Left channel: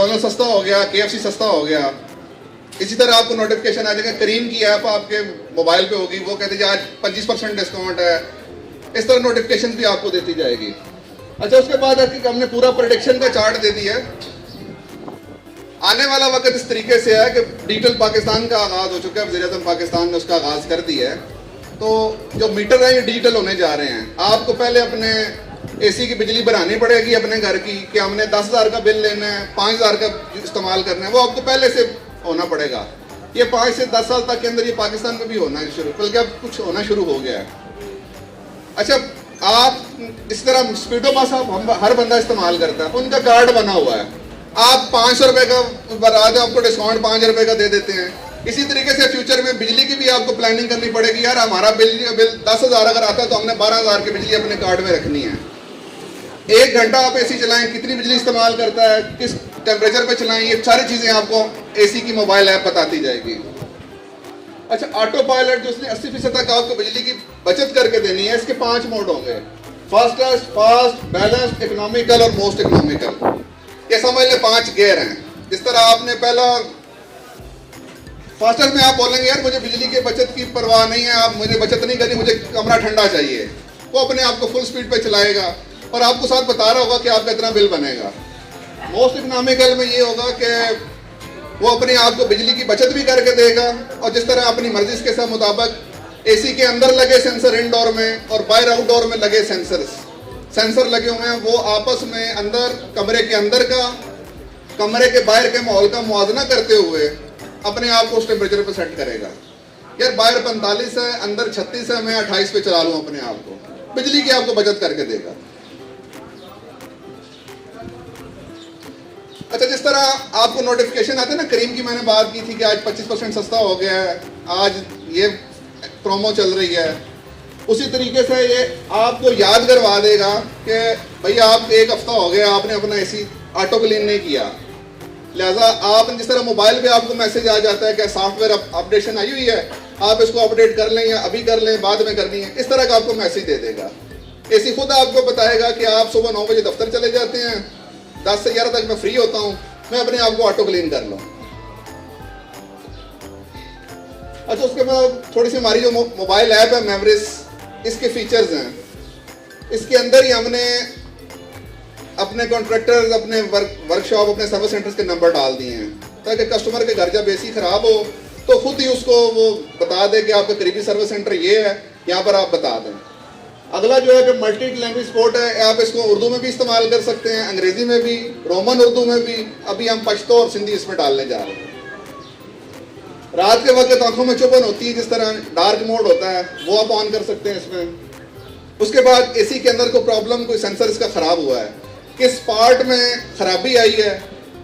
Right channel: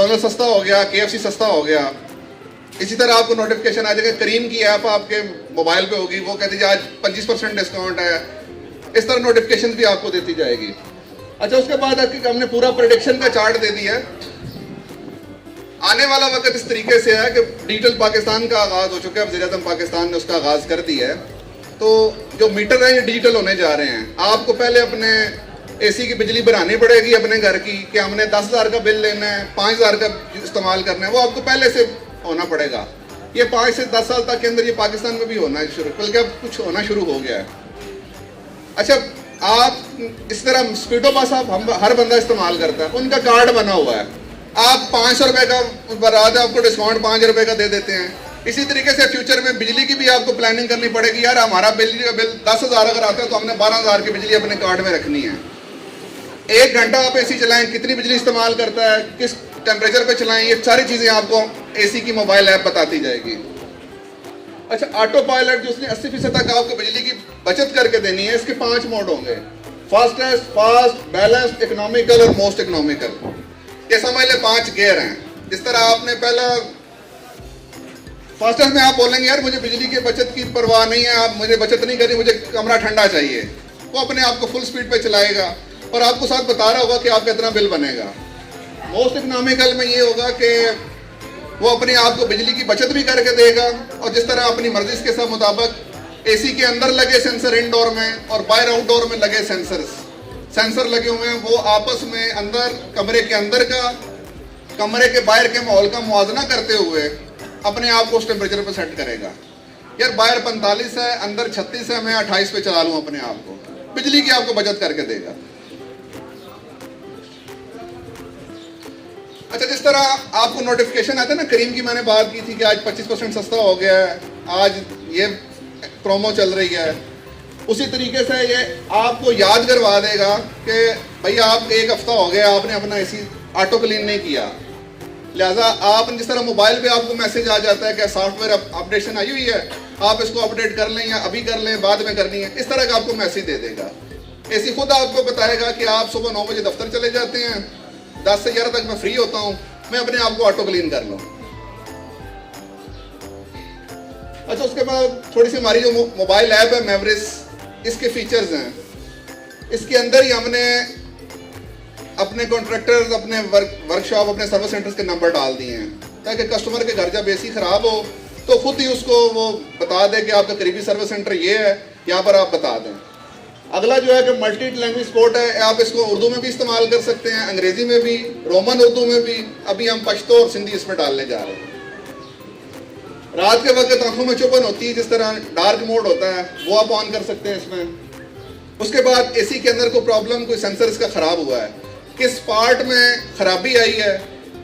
McDonald सस्ता हो गया, KFC सस्ता हो गया। इसी तरह आपको नोटिफिकेशन आ जाएगा, करीम की ऐप आपके मोबाइल पे होगी, वो कहती है आज 25% डिस्काउंट है। इस तरह नोटिफिकेशन भी आपको देती जाएगी। अच्छा, उसके बाद आपकी हमने पूरा प्रोडिक्शन का चार्ट दे दिया है। आने वाला वक्त इस तरीके से है कि डिजिटल पाकिस्तान का आगाज हो चुका है, वज़ीर-ए-आज़म पाकिस्तान ने उसका आगाज कर दिया है। तो जो मीटर है ये डिजिटल होने जा रहे हैं। आपको पहले अपने AC की बिजली भरानी पड़ेगी अपने घर की, कि हमने 10,000 का बिल लेना है, 5,000 का इस्तेमाल करना है, वो आपको पहले से होना पड़ेगा। ये 5 से 10 साल तक के अंदर ये पाकिस्तान में भी होना शुरू, बल्कि अब कुछ होना शुरू हो गया है। अच्छा, आप इस तरह स्पीडो बस आप हर बंदा इस्तेमाल करता है, उनका कार्ड बना हुआ है, आप 500 रुपए का बता दें, आपको डिस्काउंट 5 रुपए का दे देते हैं। इसी तरीके से फ्यूचर में बिजली की भी आपको प्लानिंग करनी पड़ेगी। यार हमारा बिजली बिल 10,000 अगर आता है तो हमने 12,000 की बिजली अपने कार्ड में रखनी है। 1 घंटा आप AC चलाएं, कितनी बिजली इस्तेमाल करता है, किस टेम्परेचर पे चलाएं, ये सारी चीजें आपको AC की मोबाइल ऐप बताती जाएगी। अच्छा, ऑटो पायलट जो उसने 80% तक आपको बिजली की बचत करके देनी है, इसके 5 मोड होंगे, फास्टेस्ट, फास्ट, बैलेंस्ड, इकोनॉमिकल और मोस्ट इकोनॉमिकल। ये समझ ले 5 गियर हैं। जिस तरह आपने पहला फास्टेस्ट में आप बोलेंगे यार मुझे बिजली की बचत की परवाह नहीं है, आप मुझे बचत नहीं करनी, मुझे कमरा ठंडा चाहिए, वो अपने आप को फुल स्पीड पे चलाएगा और आपको साथ बता रहा होगा कि आपका इतना बिल बनेगा। मोस्ट इकोनॉमिकल में ये होगा कि वो अपने आप को बिजली की बचत भी करके देगा और जिस तरह अपनी मर्जी के साथ मुताबिक AC के अंदर लगे सेंसर इंडोर में और बाहर आउटडोर में लगे सेंसर लगे हुए हैं, वो आपस में अंदर कमरे के अंदर का कमरे के बाहर के माहौल का मुआवजा करते हुए अपने आप को उस टेम्परेचर पर सेट करेगा। यार बाहर 45 है, अंदर 36 है, मैं 28 पे चला लूं अपने आप को, बिजली की आपको बचत करके देगा। अच्छा, जिस तरह आपको नोटिफिकेशन आता है ना, करीम की मैंने बात की थी कि आज 25% सस्ता हो गया है, आज ये प्रोमो चल रही है, उसी तरीके से ये आपको याद करवा देगा कि भैया आप 1 हफ्ता हो गया आपने अपना AC ऑटो क्लीन नहीं किया। लिहाजा आप जिस तरह मोबाइल पे आपको मैसेज आ जाता है कि सॉफ्टवेयर अपडेशन आई हुई है, आप इसको अपडेट कर लें या अभी कर लें, बाद में करनी है, इस तरह का आपको मैसेज दे देगा। AC खुद आपको बताएगा कि आप सुबह 9 बजे दफ्तर चले जाते हैं, 10 से 11 तक मैं फ्री होता हूं, मैं अपने आप को ऑटो क्लीन कर लूं। अच्छा, उसके बाद थोड़ी सी हमारी जो मोबाइल ऐप है मैवरिस, इसके फीचर्स हैं। इसके अंदर ही हमने अपने कॉन्ट्रैक्टर्स, अपने वर्कशॉप, अपने सर्विस सेंटर्स के नंबर डाल दिए हैं ताकि कस्टमर के घर जब AC खराब हो तो खुद ही उसको वो बता दे कि आपका करीबी सर्विस सेंटर ये है, यहाँ पर आप बता दें। अगला जो है कि मल्टी लैंग्वेज सपोर्ट है, आप इसको उर्दू में भी इस्तेमाल कर सकते हैं, अंग्रेजी में भी, रोमन उर्दू में भी। अभी हम पश्तो और सिंधी इसमें डालने जा रहे हैं। रात के वक्त आंखों में चुभन होती है, जिस तरह डार्क मोड होता है, वो आप ऑन कर सकते हैं इसमें। उसके बाद AC के अंदर कोई प्रॉब्लम, कोई सेंसर इसका खराब हुआ है, किस पार्ट में खराबी आई है,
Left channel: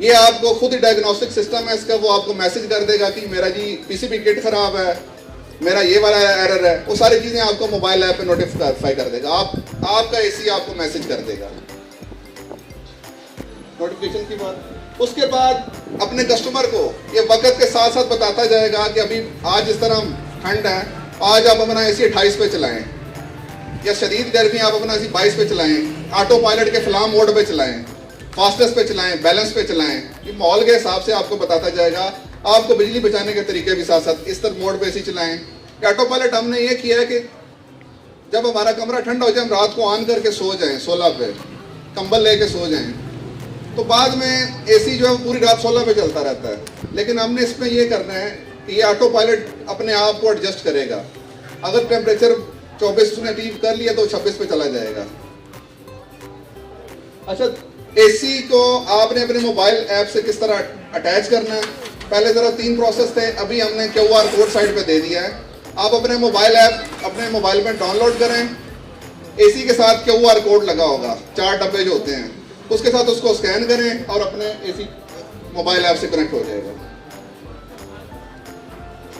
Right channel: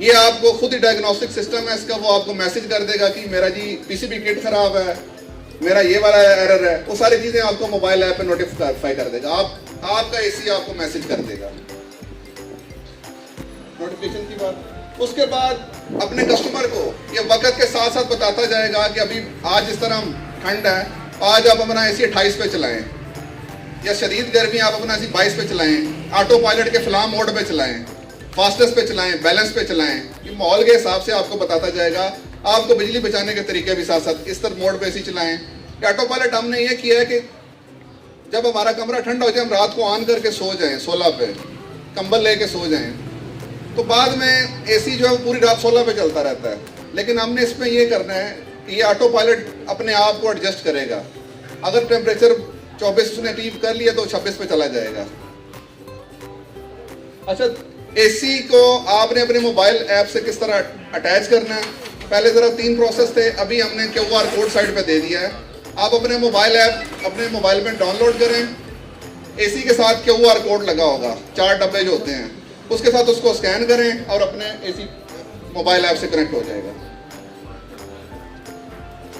ये आपको खुद ही डायग्नोस्टिक सिस्टम है इसका, वो आपको मैसेज कर देगा कि मेरा जी PCB किट खराब है, मेरा ये वाला एरर है। वो सारी चीजें आपको मोबाइल ऐप पे नोटिफाई कर देगा, आपका AC आपको मैसेज कर देगा नोटिफिकेशन की बात। उसके बाद अपने कस्टमर को ये वक्त के साथ साथ बताता जाएगा कि अभी आज इस तरह ठंड है, आज आप अपना AC 28 पे चलाएं, या शदीद गर्मी आप अपना AC 22 पे चलाएं, ऑटो पायलट के फ्लाम मोड पे चलाएं, फास्टेस्ट पे चलाएं, बैलेंस पे चलाएं। ये माहौल के हिसाब से आपको बताता जाएगा। आपको बिजली बचाने के तरीके भी साथ साथ इस तरह मोड पे AC चलाएं। ऑटो पायलट हमने ये किया है कि जब हमारा कमरा ठंडा हो जाए, हम रात को ऑन करके सो जाएं, 16 पे कंबल लेके सो जाएं, तो बाद में AC जो है पूरी रात 16 पे चलता रहता है। लेकिन हमने इसमें ये करना है, ये ऑटो पायलट अपने आप को एडजस्ट करेगा। अगर टेम्परेचर 24 ने अचीव कर लिया तो 26 पे चला जाएगा। अच्छा, AC को आपने अपने मोबाइल ऐप से किस तरह अटैच करना है, पहले जरा 3 प्रोसेस थे, अभी हमने QR कोड साइड पे दे दिया है। आप अपने मोबाइल ऐप अपने मोबाइल में डाउनलोड करें, AC के साथ QR कोड लगा होगा, 4 डब्बे जो होते हैं, उसके साथ उसको स्कैन करें और अपने AC मोबाइल ऐप से कनेक्ट हो जाएगा।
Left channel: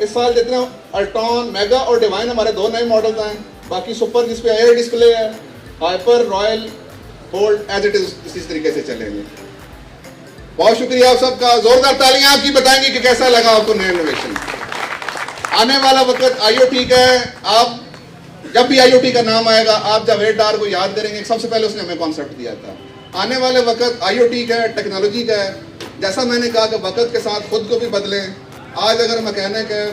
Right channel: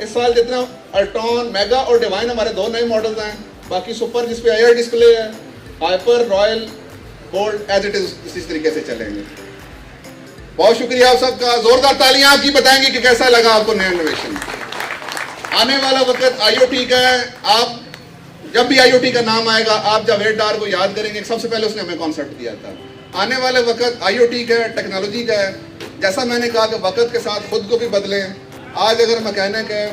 इस साल जितने अल्ट्रॉन, मेगा और डिवाइन हमारे 2 नए मॉडल्स हैं, बाकी सुपर जिसपे एयर डिस्प्ले है, hyper, royal, bold as it is इसी तरीके से चलेंगे। बहुत शुक्रिया आप सबका, जोरदार तालियां आपकी बताएंगे कि कैसा लगा आपको नया इनोवेशन। आने वाला वक्त IoT का है। आप जब भी IoT का नाम आएगा, आप जावेद डार को याद करेंगे, सबसे पहले उसने हमें कॉन्सेप्ट दिया था। आने वाले वक्त IoT का है, टेक्नोलॉजी का है। जैसा मैंने कहा कि वक्त के साथ खुद को भी बदलें। आज अगर मैकेनिक है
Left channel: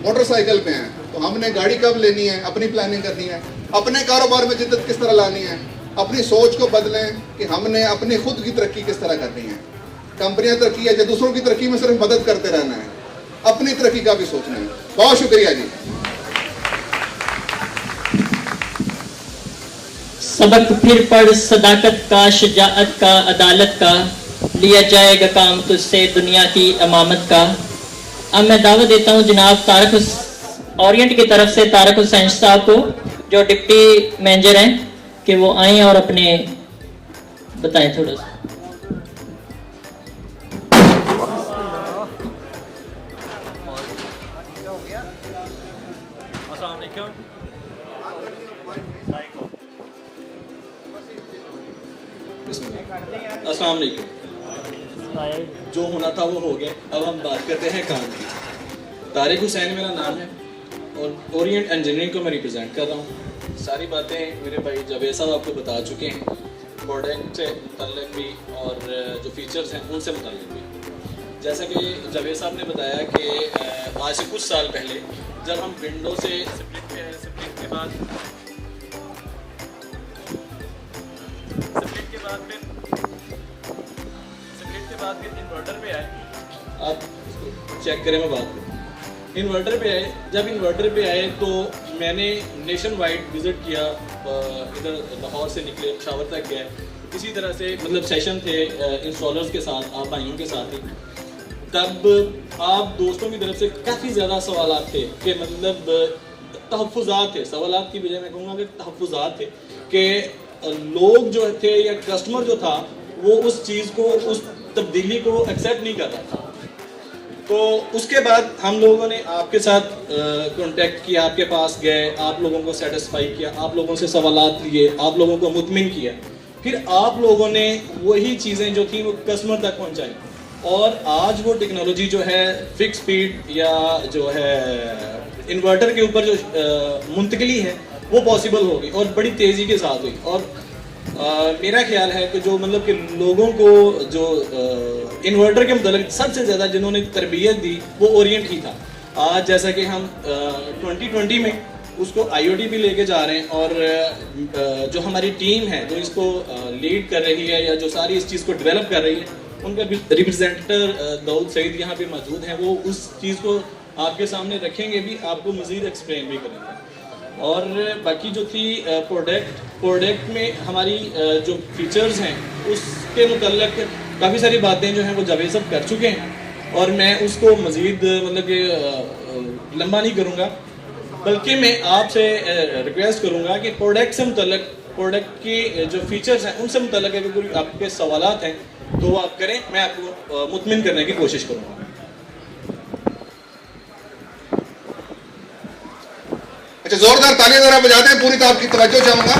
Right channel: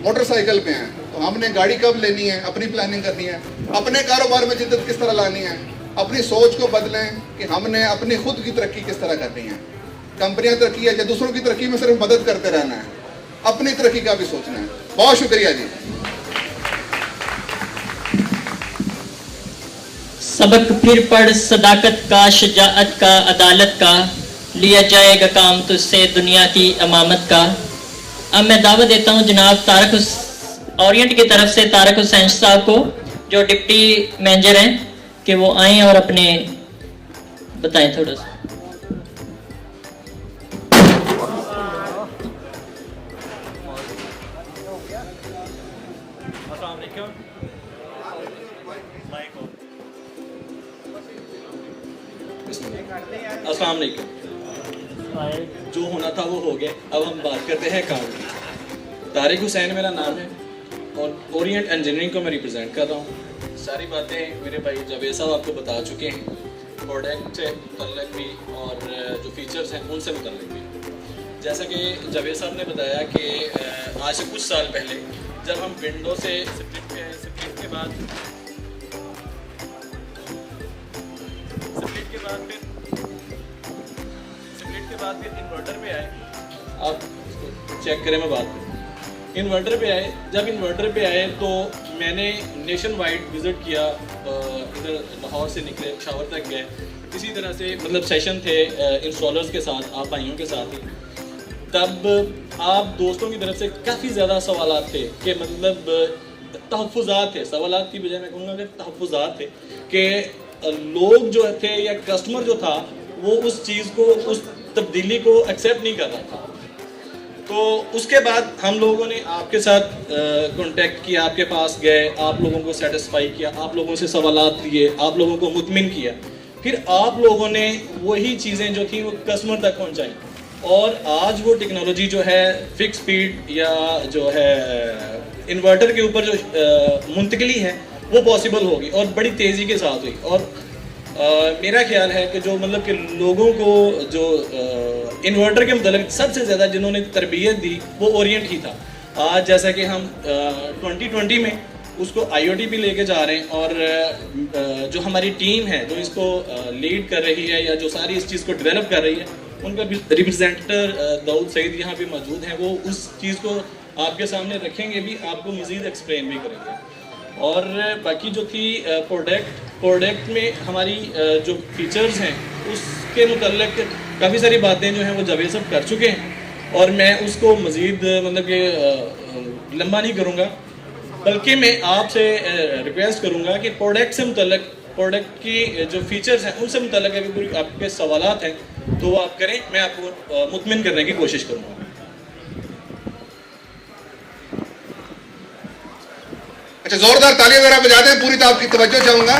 मोटरसाइकिल पे हैं तो हमने गाड़ी कब लेनी है, अपनी प्लानिंग करनी है। अपने कारोबार में जिद्दत किस तरह लानी है, अपनी सोच को बदलें कि हमने अपनी खुद की तरक्की किस तरह करनी है। कंपनियां तरक्की है या दूसरों की तरक्की में सिर्फ मदद करते रहना है, अपनी तरक्की का भी सोचना है। बहुत शुक्रिया जी। सबक फिर पढ़ सदाकत का, शजाअत का, अदालत का, लिया जाएगा काम तुझसे दुनिया की अमामत का। अब मैं दावत देता हूं जनाब ओरिएंट की तरफ से तारक हुसैन साहब को, जो डिप्टी मैनेजर हैं, कि वो आए और अपने बताएं थोड़ा सा। अस्सलाम वालेकुम। जो होना था वो हो गया। अब हम बात करते हैं काम की। तारिक हुसैन मेरा नाम है और ओरिएंट इंजीनियरिंग को मैं रिप्रेजेंट कर रहा हूँ। सारी बातें मेरे भाई जावेद साहब आपको बता चुके हैं, प्रोडक्ट से मुतल्लिक भी और जो फीचर्स हैं उनसे मुतल्लिक भी। जैसा कि जावेद साहब ने बताया कि आज से कुछ साल पहले जब हम विंडो से स्प्लिट पे आए, स्प्लिट के बाद फिर इन्वर्टर पे आए। आप चेक करें, मैं बात इन्वर्टर पे आए। जब इन्वर्टर पे आए तो मैंने नेशन वाइड विज़िट किया, इधर लाहौर से निकले शावर तक गए। इसी तरह से मतलब सेशन थे इंस्टॉलर्स के साथ, आप भाइयों के साथ ही। तब आप दोस्तों की तरफ से काफ़ी ज़्यादा सवालात थे कि मतलब तहफ़्फ़ुज़ात थे, सवालात की बजाय मैं कहूँगा कि तहफ़्फ़ुज़ात थे कि लोग जो थे या कस्टमर जो था वो उस चीज़ को, उस तब्दीली को एक्सेप्ट नहीं कर रहा था। तो उसके बाद हम लोगों ने आपके साथ कांटेक्ट किया, आपके पास गए, आप लोगों को सेटिस्फाई किया, आप लोगों से सवालात लिए, आप लोगों को मुतमिन किया। फिर आप लोगों ने वही चीज़ें जो थी वो कस्टमर तक पहुंचाई और आज वो टेक्नोलॉजी जो है फिक्स स्पीड या जो है इन्वर्टर के ऊपर जो मुंतकिली है वो पॉसिबल होगी और बड़ी तेज़ी के साथ हुई। और मेरा ख्याल है कि जो मतलब कि लोगों को जो इन्वर्टर के मतलब सबसे ज़्यादा जिन्होंने तरबियत दी वो ओरिएंट ही था। आज जैसा कि हम 2020 में उसको IoT भी लेके जा रहे हैं और जो हमारी टीम है जो इसको लीड कर रही है या जो सारी इस चीज़ को डेवलप कर रही है, उनका रिप्रेजेंटेटर दाऊद सईद यहाँ पे मौजूद हैं। वो उस चीज़ को आपके सामने रखेंगे भी, आपको मज़ीद एक्सप्लेन भी करेंगे। और बाकी जो थी प्रोडक्ट में हमारी जो फीचर्स हैं उसके मुतल्लिक काफ़ी सारी बातें जो हैं वो जावेद साहब कर चुके हैं और मैं उसको मज़ीद मतलब कि लंबा नहीं करूँगा, बल्कि मैं आपसे रिक्वेस्ट करूँगा कि प्रोडक्ट से मुतल्लिक, प्रोडक्ट की जो फीचर्स हैं उनसे मुतल्लिक अगर कोई आपके सवालात हैं तो वो आप करें, मैं आपको मुतमिन करने की कोशिश करूँगा। अच्छा, जोरदार तालियां जरा बजाते हैं, पूरी तो आपकी तवज्जो चाहूंगा।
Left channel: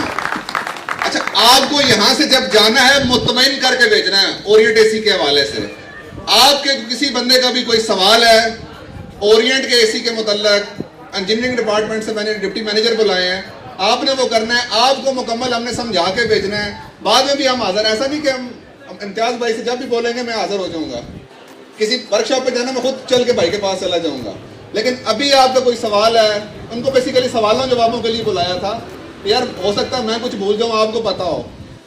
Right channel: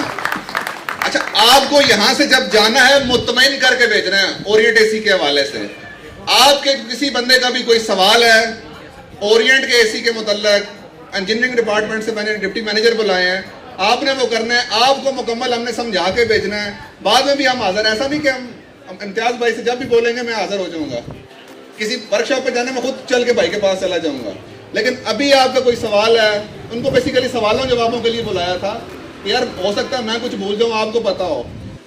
अच्छा, आपको यहां से जब जाना है मुतमईन करके भेजना है ओरिएंट एसी के हवाले से। आपके किसी बंदे का भी कोई सवाल है ओरिएंट के एसी के मुतल्लिक, इंजीनियरिंग डिपार्टमेंट से मैंने डिप्टी मैनेजर बुलाए हैं, आपने वो करना है, आपको मुकम्मल हमने समझा के भेजना है। बाद में भी हम हाजिर, ऐसा नहीं कि हम इम्तियाज भाई से जब भी बोलेंगे मैं हाजिर हो जाऊंगा। किसी वर्कशॉप पे जाने में खुद चल के भाई के पास चला जाऊंगा। लेकिन अभी आपका कोई सवाल है, उनको बेसिकली सवालों जवाबों के लिए बुलाया था। यार हो सकता है मैं कुछ भूल जाऊँ, आपको पता हो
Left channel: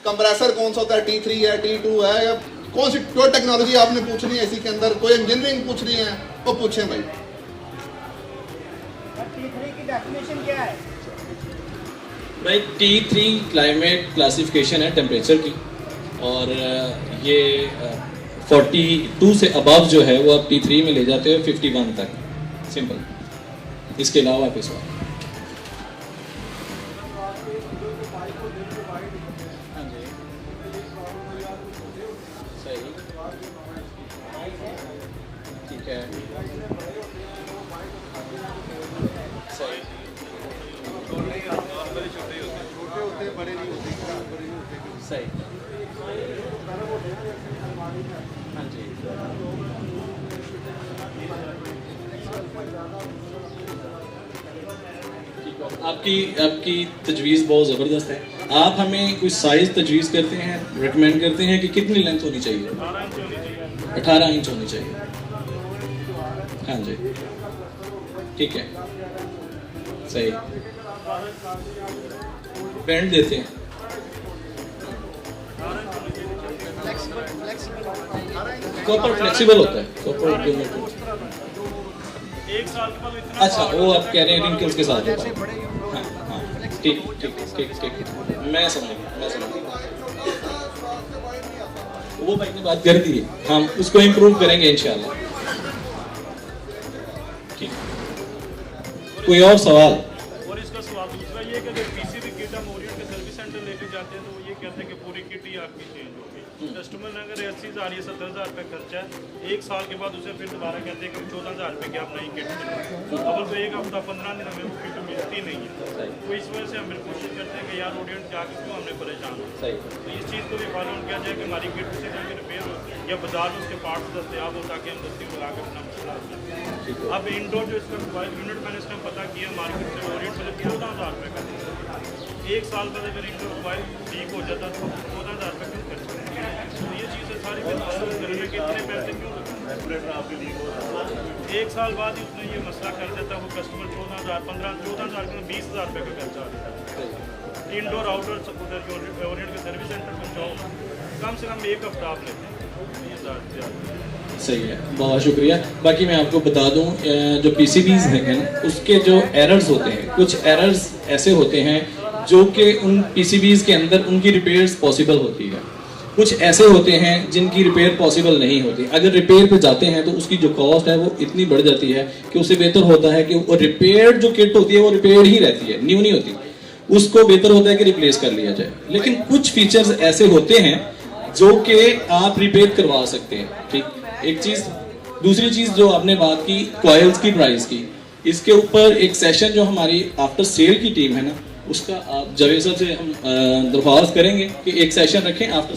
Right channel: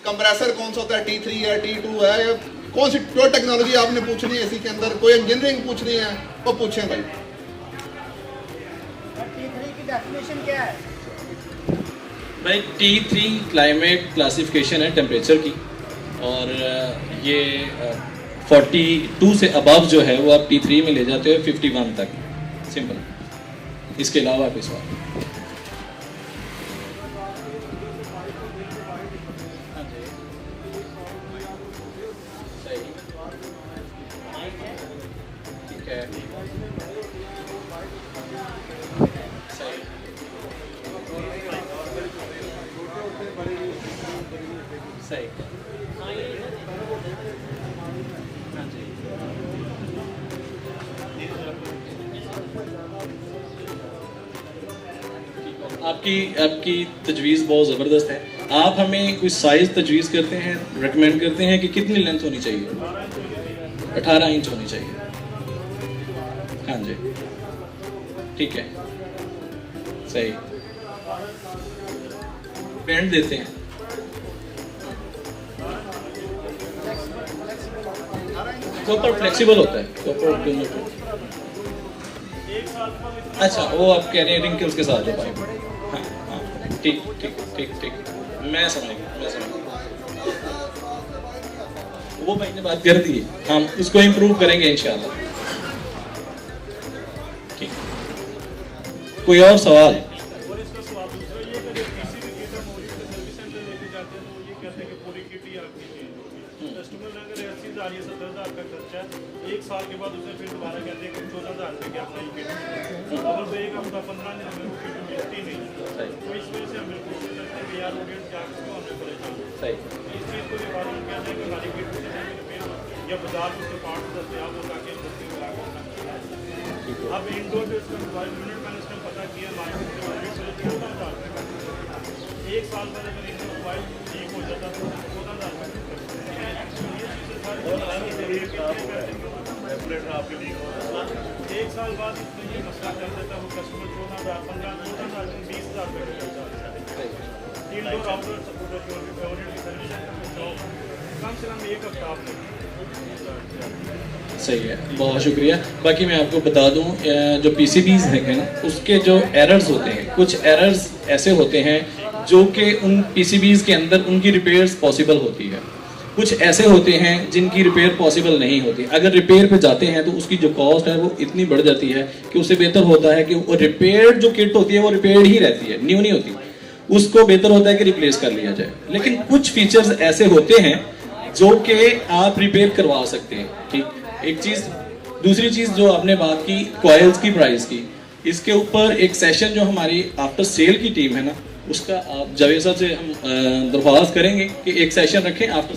कंप्रेसर कौन सा होता है, T3 है, T2 है, या कौन सी कोई टेक्नोलॉजी आपने पूछनी है इसी के अंदर, कोई इंजीनियरिंग पूछनी है वो पूछें भाई। T3 की डेफिनेशन क्या है भाई? T3 क्लाइमेट क्लासिफिकेशन है टेम्परेचर की और ये 42 से अबव जो है वो आप T3 में ले जाते हो 51 तक, सिंपल। इसके अलावा आप इस बात ठीक है, सही सही, हाँ जी, आपकी तजवीज़ बहुत ज़बरदस्त है। आप हमें कोई साइज तजवीज़ करते हैं, रिकमेंड करते हैं कि कितनी लेंथ होनी चाहिए? 18 इंच होनी चाहिए। हाँ जी, ठीक है, सही। बैंड देते हैं, कॉपर फ्लेक्सिबल होता है, कॉपर। अच्छा, वो आप कह रहे हैं रिंकल्स के साथ होता है। हाँ हाँ, ठीक ठीक ठीक ठीक, मैं समझ गया, मैं समझ गया। वो भाई ने बात कर दी है, हम उसको इम्प्रूव करेंगे इंशाल्लाह। ठीक, कोई और सवाल? और इसका सवाल दूसरा ये है कि किसी भी किट हम ओरिजिनल सर्विस सेंटर लेके जाते हैं तो वो ये कहते हैं कि पूरी किट ही आपकी चेंज होगी। कस्टमर अगर ऐसी आ रही है 70,000 का खर्चा है, 1 साल के बाद उसे फिर दोबारा कहते हैं कि 14,000 रुपये की आप नई किट मतलब 1 हफ्ता 15 दिन हमें वो किट मिलती नहीं। तो इस वजह से हम कोशिश करते हैं कि यार ऑडियंस क्या इसको हमने परेशान किया। इस चीज़ को रिक्वायरमेंट कहते हैं कि हमारी किट रिपेयर हो या बाजार में उसके पार्ट्स दस्तियाब हो ताकि इंडस्ट्री में लाकर अपना मसला। अब इंडोर जो इसका मोबाइल यूनिट मैंने इसमें पता किया मार्केट में ऑडियंस सिर्फ 14,000 रुपये का। 1 साल में अगर इंडोर मोबाइल ठीक हो जाता है तो 14,000 रुपये खर्च। एक साल बाद उसने ये मसला कर देता वो कस्टमर 14,000 15 14,000 में 20,000 रुपये का खर्चा आता है। इंडोर आउटडोर उधर जो सर्विस सेंटर में जाओ कम से कम 1 हफ्ता आपने। सही है, बहुत शुक्रिया। बाकी मैं आपको बता दूं, जो PCBs हैं उसके जो एरर्स होते हैं, कुछ एरर्स ऐसे होते हैं जो कि उन PCBs के अंदर उनकी रिपेयर्स पॉसिबल होती है, कुछ ऐसे होते हैं जिनकी रिपेयर पॉसिबल नहीं होती। अगर रिपेयर पे जाते हैं तो उसकी जो कॉस्ट है वो इतनी बढ़ जाती है कि उससे बेहतर होता है कि वो रिपेयर्ड जो किट होती है वो रिपेयर्ड ही रहती है, न्यू नहीं होती। उसको बेहतर होता है कि रिप्लेस कर लिया जाए। लेकिन कुछ फीचर्स ऐसे होते हैं जो कि आप रिपेयर करवा सकते हैं। ठीक, एक चीज। दूसरी चीज जो आपने बात की कॉइल्स की प्राइस की, इसके ऊपर एक सेशन जो हमारी आफ्टर सेल की टीम है ना, उसका आप जावेद साहब से हम दरख्वास्त करेंगे कि एक सेशन रखें आफ्टर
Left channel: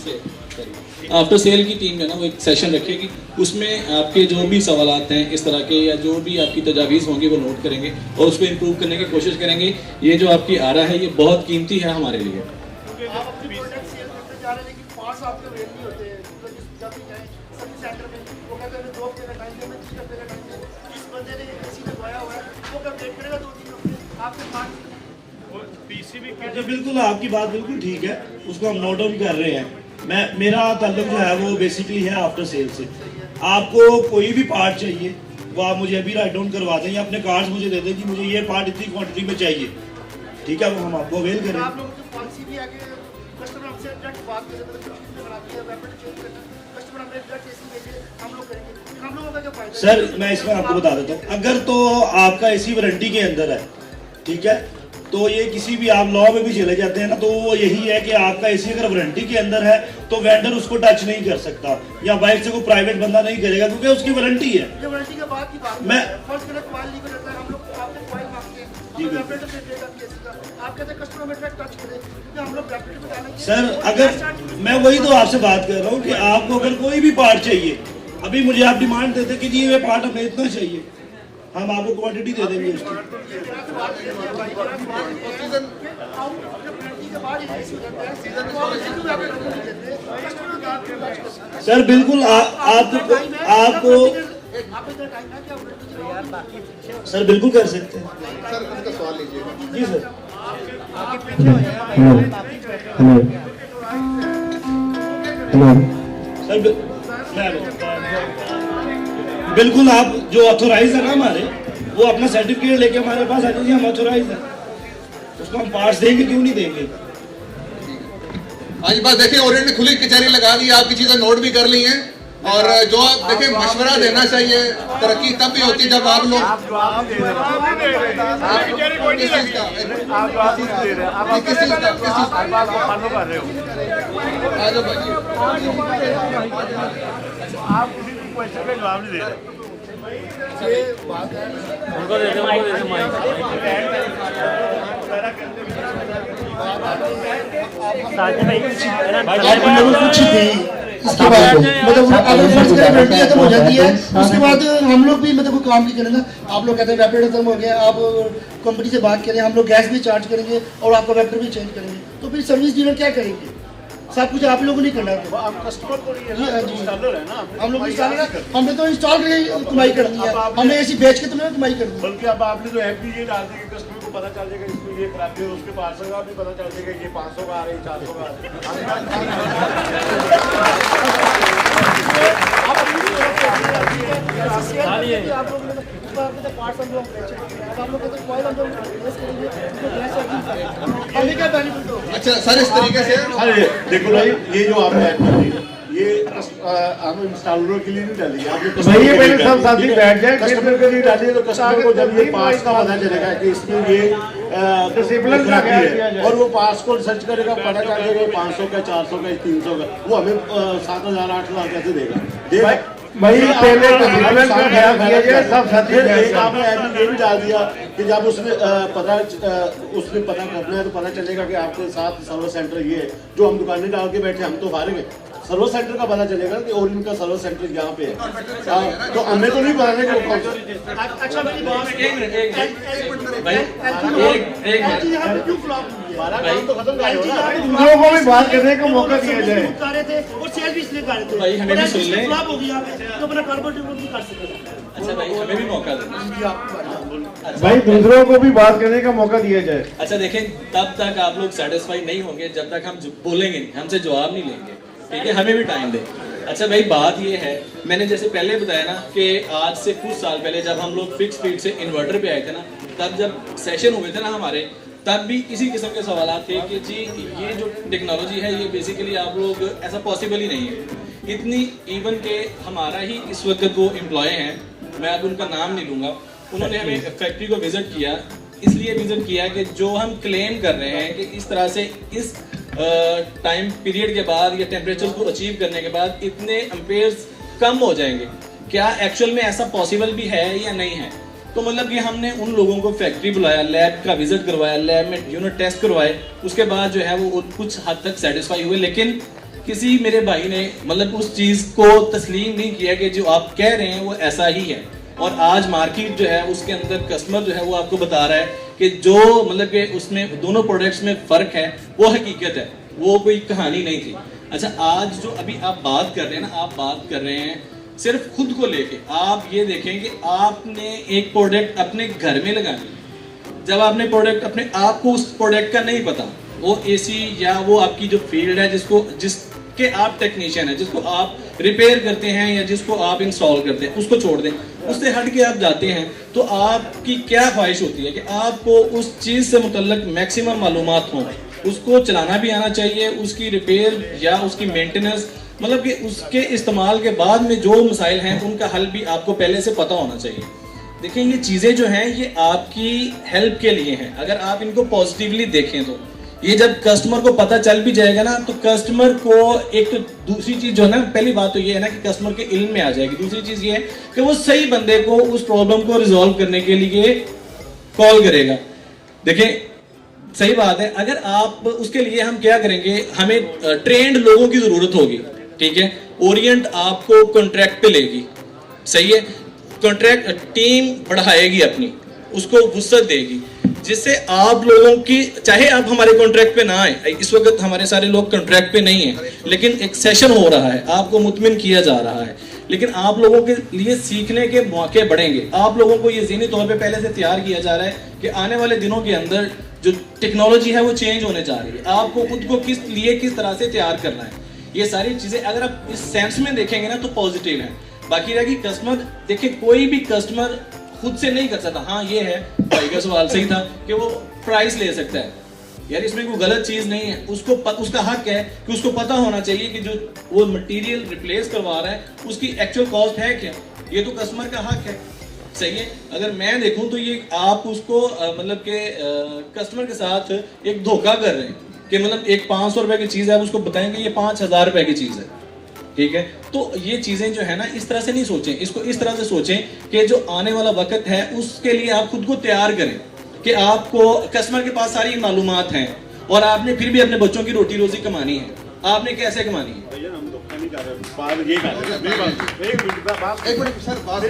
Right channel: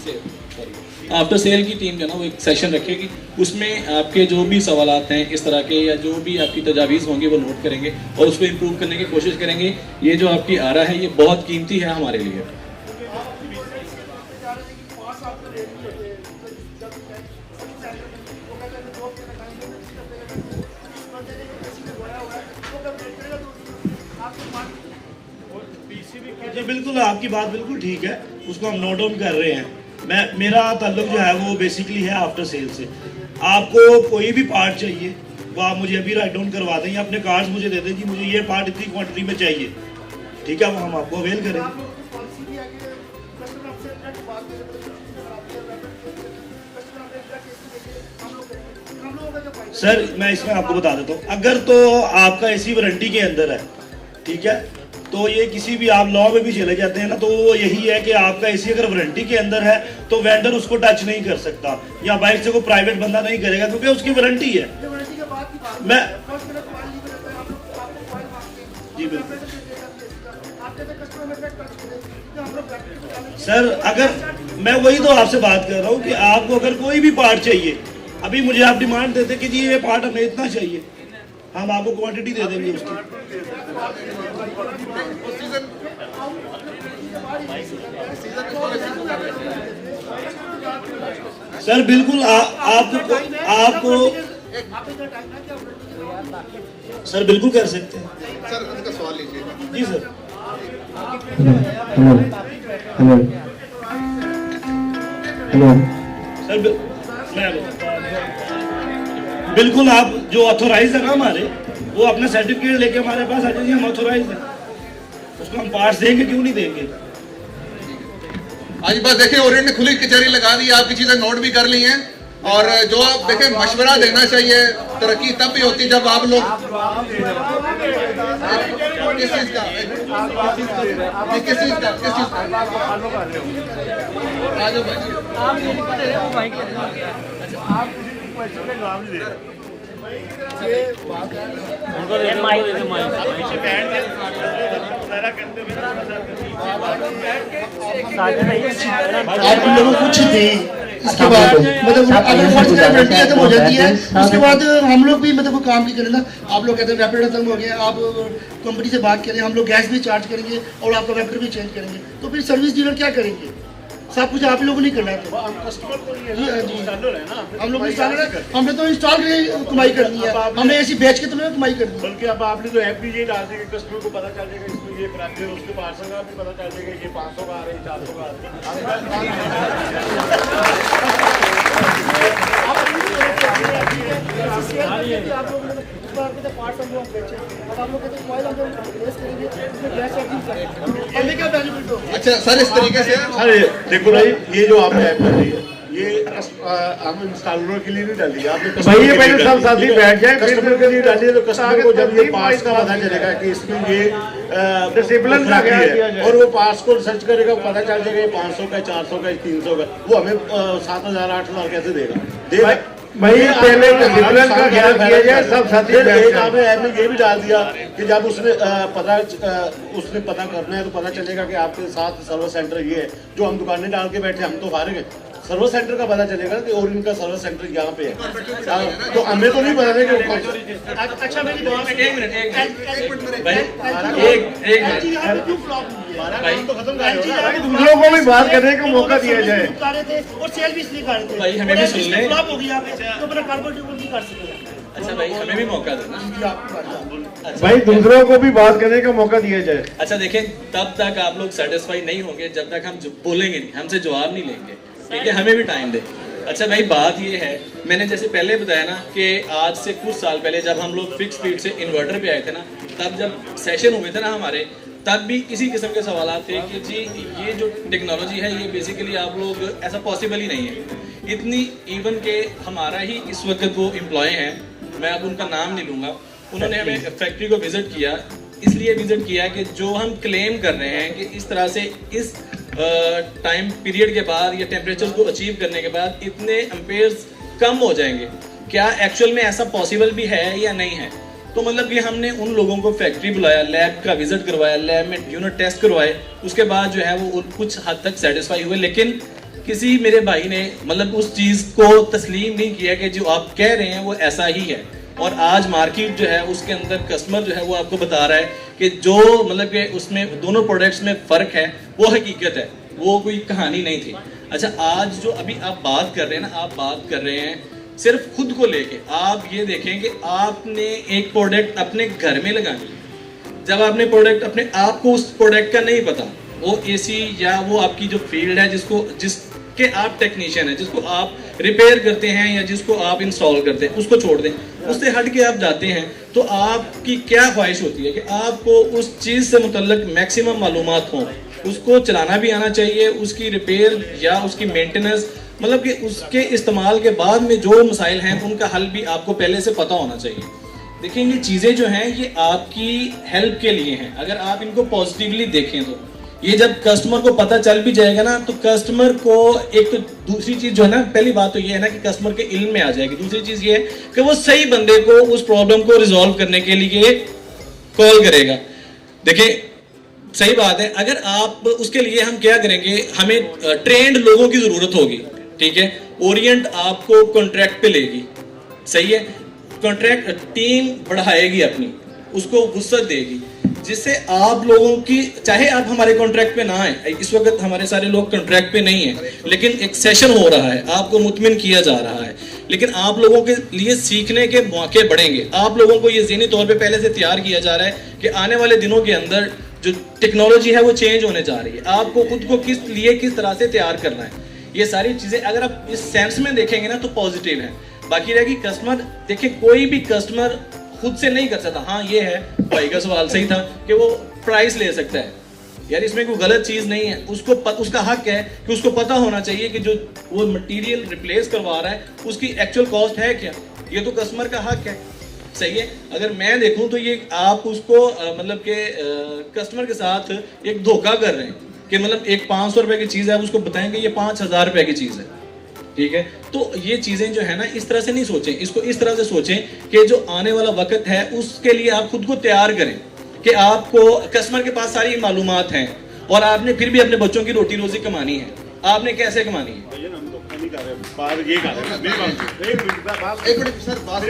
सेल की टीम जो है ना वो एक सेशन रखेगी। उसमें आपके जो भी सवालात हैं इस तरह के या जो भी आपकी तजावीज़ होंगी वो नोट करेंगे और उसको इम्प्रूव करने की कोशिश करेंगे। ये जो आपकी आ रहा है ये बहुत कीमती है हमारे लिए। जी बिल्कुल, आपकी बात बिल्कुल ठीक है, उसको हम नोट डाउन कर रहे हैं। मेरा ताल्लुक जो है वो बेसिकली है आफ्टर सेल से। आपको कोई भी पार्ट चाहिए वो आप मुझे अभी राइट डाउन करवा दें या अपने कार्ड्स मुझे दे दें कि मुझे ये पार्ट इतनी क्वांटिटी में चाहिए, ठीक है, वो हम आपको अवेल करेंगे। सर मैं इसमें आपको बता देता हूँ, अगर तो आपका एसी वारंटी के अंदर है, ठीक है, तो ये किसी भी आप लॉ में भी चले जाते हैं ना तो वो यही है कि आपका एसी अगर वारंटी के अंदर है तो वेंडर उसको टच नहीं कर सकता या बाहर से कोई प्राइवेट बंदा नहीं करेगा क्योंकि उसकी वारंटी है। मैं सर अगर मैं वही तो आपसे बात कर रहा हूँ कि आपको अगर कोई भी पार्ट चाहिए, अभी मुझे आप डिमांड देते कि जी ये पार्ट हमें इतना चाहिए, हम आपको क्वांटिटी दे देंगे उसकी। सर बिल्कुल आपको सर बिल्कुल कर सकते हैं जी सर। सर बिल्कुल, आप जो ऑथोराइज है ना हमारे, वो अपना सर्टिफिकेट लेके हमारे पास आ जाइए, हम ऑथोराइज हैं, उसको हम पार्ट्स देंगे, क्यों नहीं देंगे। आज बस देखिए ओरिएंट ने खुली कचहरी लगा दी, आपकी चीजें नोट भी कर ली हैं और जो आप देखिए मशवरा देना चाहिए, तरक्की तब भी होती है जब आप लोग किस चीज का उनको दे दे माइक। आप लोगों को कुछ थी इसके बाद मतलब अगर फर्स्ट खत्म हो जाती है उसके बाद हम लोग भी मतलब काम नहीं करेंगे। आप लोग कहते हैं रैपिड खत्म हो गया, आप कंपनी से बात करें, हम लोग गैस भी चार्ज करेंगे और आपका वेक्टर भी चेंज करेंगे, तो फिर सर्विस डीलर क्या करेंगे? सब कुछ आप लोगों ने करना है। हम लोग इंस्टॉलर है, हमने तो इंस्टॉल के कमाई करनी है, हमने ऐसी बेच के तुम्हें कमाई करनी है। बल्कि अब आपने तो ऐप भी ये डाल देंगे, कस्टमर को पता चल जाएगा इसमें ये खराब है, उसके 500 का भी पता चल जाएगा, ये 500 का आ रहा है, 400 का आ रहा है। आप लोग पार्ट अब आप लोग कहते हैं हम प्लेस करेंगे, उसमें गैस चार्जिंग हमें क्या बेनिफिट होगा? अच्छा सर, इस तरीके से अरे देखो भाई, ये जो आपने ऐप डाली ये हम इंस्टॉलर के लिए नहीं डाली, आपने भाई ये पहले सब साथी बैठ जाए, कस्टमर के लिए डाली है, तो कस्टमर को जब ये पास का पता चलेगा कि इसमें ये डिसेबल है और वो पास को सर्च करेगा, पता चल जाएगा ये 500 का, 400 का, 300 का, वो हमें 7,000 8,000 कैसे देगा? भाई पहले डिसिप्लिन का ख्याल किया जाए, सब साथी बैठ एक जाए। आपने ऐप में ये भी डाल दिया कि जब उसने पता करना है तो पता चलेगा कि आपके साथ सर्विस सेंटर ये है, जो हम दुकानें डाल के बैठे, हम तो फारिग है, सर्विस सेंटर का पता चलेगा कि और इनका सर्विस सेंटर यहाँ पे है, तो हमें तो नहीं बताने का। अच्छा मेरी बात हमारा काम तो खत्म कर दो ना। तुम लोगों को भी बात करने का मौका दिया जाए। और सेल भी इसलिए कर रहे थे, भाई, हमें भी सुन लें। फ्लॉप हो गया तो अपना कार्बन भी कर सकेगा। अच्छा भाई, हमें भी मौका देना। भाई दूसरों को भी बात करने का मौका दिया जाए। अच्छा देखें, तब तक आप लोग सेटिस्फाई नहीं होंगे जब तक हम बोलेंगे नहीं, हमसे जवाब नहीं लेंगे, ठीक है? हमें भी टाइम दे। अच्छा भाई, बात ये है, मैंने जैसे पहले बताया ना कि आज से कुछ साल पहले जब हम लोग फिक्स स्पीड से इन्वर्टर पे आए थे ना, तब जब सेशन हुए थे ना हमारे, तब भी इसी किस्म के सवाल थे कि जी ये जो टेक्नोलॉजी है ये बेसिकली आप लोग ऐसा पॉसिबल ही नहीं है। इतनी इवन के हमारा ही इस वक्त वो एम्प्लॉय हैं, मैं अब उनका नाम नहीं लूँगा, उन्होंने हमें फैक्ट्री को विजिट किया, इसलिए विजिट किया कि जो हम क्लेम कर रहे हैं कि इस तरह से इस टाइम पीरियड के बाद या टेम्परेचर को अचीव करने के बाद इतने एम्पेयर्स कम हो जाएंगे, क्या एक्चुअल में ऐसा पॉसिबल भी है या नहीं है? तो मतलब कि हमने उन लोगों को फैक्ट्री बुलाया, लैब का विजिट करवाया, लैब में यूनिट टेस्ट करवाए, उसके बाद जो है वो कुछ हद तक सेटिस्फाई हुए, लेकिन किसी मेरे भाई ने मतलब उस चीज को तस्लीम नहीं किया कि जो आप कह रहे हैं वो ऐसा ही है। और आज मार्केट जो है उसके अंदर कस्टमर जो है वो आपको बता रहा है कि जो मतलब कि उसमें दोनों प्रोडक्ट्स में फर्क है वो हकीकत है, वो कोई कहानी नहीं थी। अच्छा, आज जो अभी आप बात कर रहे हैं ना, आप बात कर रहे हैं सिर्फ खुद को लेके। आप ये देखें कि आपने एक प्रोडक्ट अपने घर में लगानी है, जब आपने प्रोडक्ट अपने आप को उस प्रोडक्ट का नहीं पता, वो एसी या वो आपकी जो फील्ड है जिसके आप टेक्नीशियन है, जिसको आप रिपेयर करते हैं या जिसको आप इंस्टॉल करते हैं, उसको छोड़ दें, उससे हट के आप जाते हैं, तो आपकी क्या ख्वाहिश होती है कि आपको उस चीज से मुतल्लिक मैक्सिमम मालूमात हों, उसको चलाना भी आना चाहिए, उसकी रिपेयर या उसकी मेंटेनेंस, मतलब कि उसके इस्तेमाल के बाद में जो मसाइल हैं उनका हल भी आपको पहले से पता होना चाहिए। देखें, ये चीजें जो हैं ये आपकी हेल्प के लिए हैं, अगर आप इनको पॉजिटिवली देखें तो। ये जब कस्टमर को पता चल भी जाएगा ना, तो कस्टमर को एक तो दूसरी चीज जो है ना, पहली बात तो ये है ना कि कस्टमर के इल्म में आ जाएगी, दूसरी चीज ये है कि वो सही बंदे को उस प्रॉब्लम को रिजॉल्व करने के लिए कॉल करेगा। देखिए, सही बात है, अगर आप उसके लिए हम क्या करेंगे, हमें ट्रेंड लोगों की जरूरत होगी, ठीक है? ओरिएंट आपको कॉन्ट्रैक्ट पे लेगी, सही है? कॉन्ट्रैक्ट टीम बढ़ाएगी अपनी, उसको वुसअत देगी, जिससे आप लोगों की, चाहे आप हमारे कॉन्ट्रैक्ट पे ना आए, इस वक्त हमारे सारे लोग कॉन्ट्रैक्ट पे नहीं है, लेकिन एक सेशन हो रहा है, आपको मुतमिन किया जा रहा है, लेकिन आप लोगों के लिए सीखने के मौके बढ़ेंगे। आप लोगों को ये ज़हनी तौर पे पहले से तैयार किया जा रहा है कि आने वाले दिनों के अंदर जो टेक्नोलॉजी है वो चेंज होने जा रही है, आपको खुद को किस तरह से तैयार करना है। ये सारी चीजें अगर आप इस सेंस में देखेंगे ना तो पॉजिटिव है। बाकी रहेगी कस्टमर, देखिए कोई भी कस्टमर खुद से नहीं कर सकता। हाँ, ये है, भाई का सवाल सही था कि वो प्राइस ले सकता है, यार इसमें कोई गलत चीज नहीं है, उसका हक है कि उसको पता होना चाहिए कि जो वो मटेरियल रिप्लेस करवा रहा है उसकी एक्चुअल कॉस्ट है क्या, ये तो कस्टमर का हक है, सही है? अगर मैं देखूं तो ये आप उसको मतलब के कस्टमर के साथ एक धोखा कर रहे हैं कि मतलब एक 500 रुपए की चीज है, उसको बताएंगे ये 5,000 रुपए की चीज है, ठीक है? तो ये चीजें जो है ना, इस तरह से नहीं सोचें, इसको इस तरह से सोचें कि जो आने वाला वक्त है उसके लिए आप खुद को तैयार करें कि आपको कस्टमर के पास सारी मालूमात हैं और आपने फिर भी अपने बच्चों की रोटी रोजी कमानी है। आपने कैसे कमानी है? हम धोखा नहीं कर रहे, बात ये कर रहे हैं। एक मिनट सर, बात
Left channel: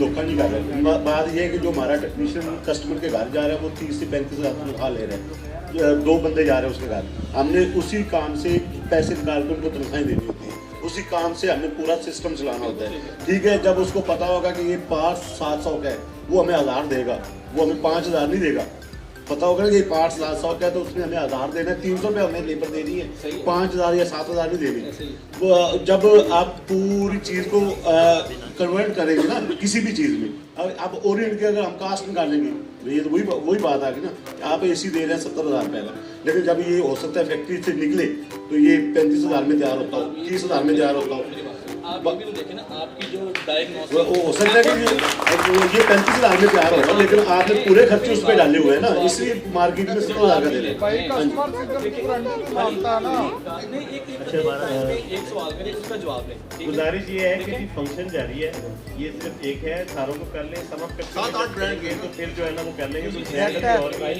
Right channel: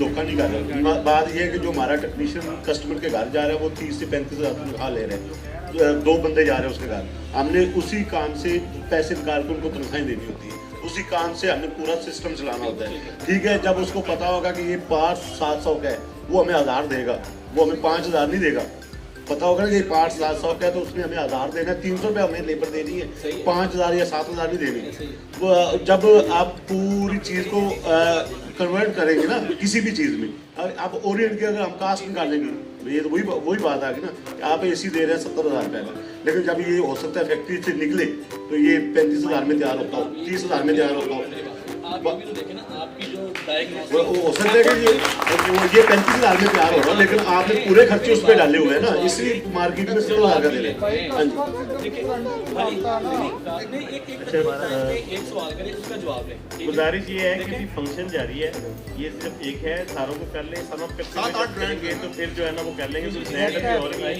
धोखा नहीं कर रहे। बात ये है कि जो हमारा टेक्नीशियन कस्टमर के घर जा रहा है वो 30 से 35 हज़ार तनख्वाह ले रहे हैं, 2 बंदे जा रहे हैं उसके घर, हमने उसी काम से पैसे निकाल कर उनको तनख्वाहें देनी होती है, उसी काम से हमें पूरा सिस्टम चलाना होता है। ठीक है, जब उसको पता होगा कि ये पार्ट्स 700 का है, वो हमें 1000 देगा, वो हमें 5000 नहीं देगा। पता होगा ना कि पार्ट्स 700 का है तो उसमें हमें 1000 देना, 300 रुपये हमें लेबर देनी है, 5000 या 7000 नहीं देनी। जब आप पूरी चीज़ को कन्वर्ट करेंगे ना किसी भी चीज़ में, आप ओरिएंट की अगर हम कास्ट निकालेंगे, ये तो वही बात आ गई ना, आप AC दे रहे हैं 70,000 रुपये का, लेकिन जब ये हो सकता है फैक्ट्री से निकले तो ये 35,000 में तैयार होता हो, 30,000 में तैयार होता हो। आप ये भी देखें ना, आपकी जो डायग्नोसिस वो हो सकता है कि ये 35,000 में तैयार होगा, लेकिन आपने पूरे खर्चे उस पर डाले हुए हैं ना, इसी मार्केट में 70,000 का दे रहे हैं। एक सवाल करें, उसका जवाब लें। गुजारिश ये है कि फंक्शन जारी है, ये सिर्फ एक है, सारों को कर लें, सम अप 7-8 ब्रांड के तो फिर जो है ना वो कर लेंगे, और भाई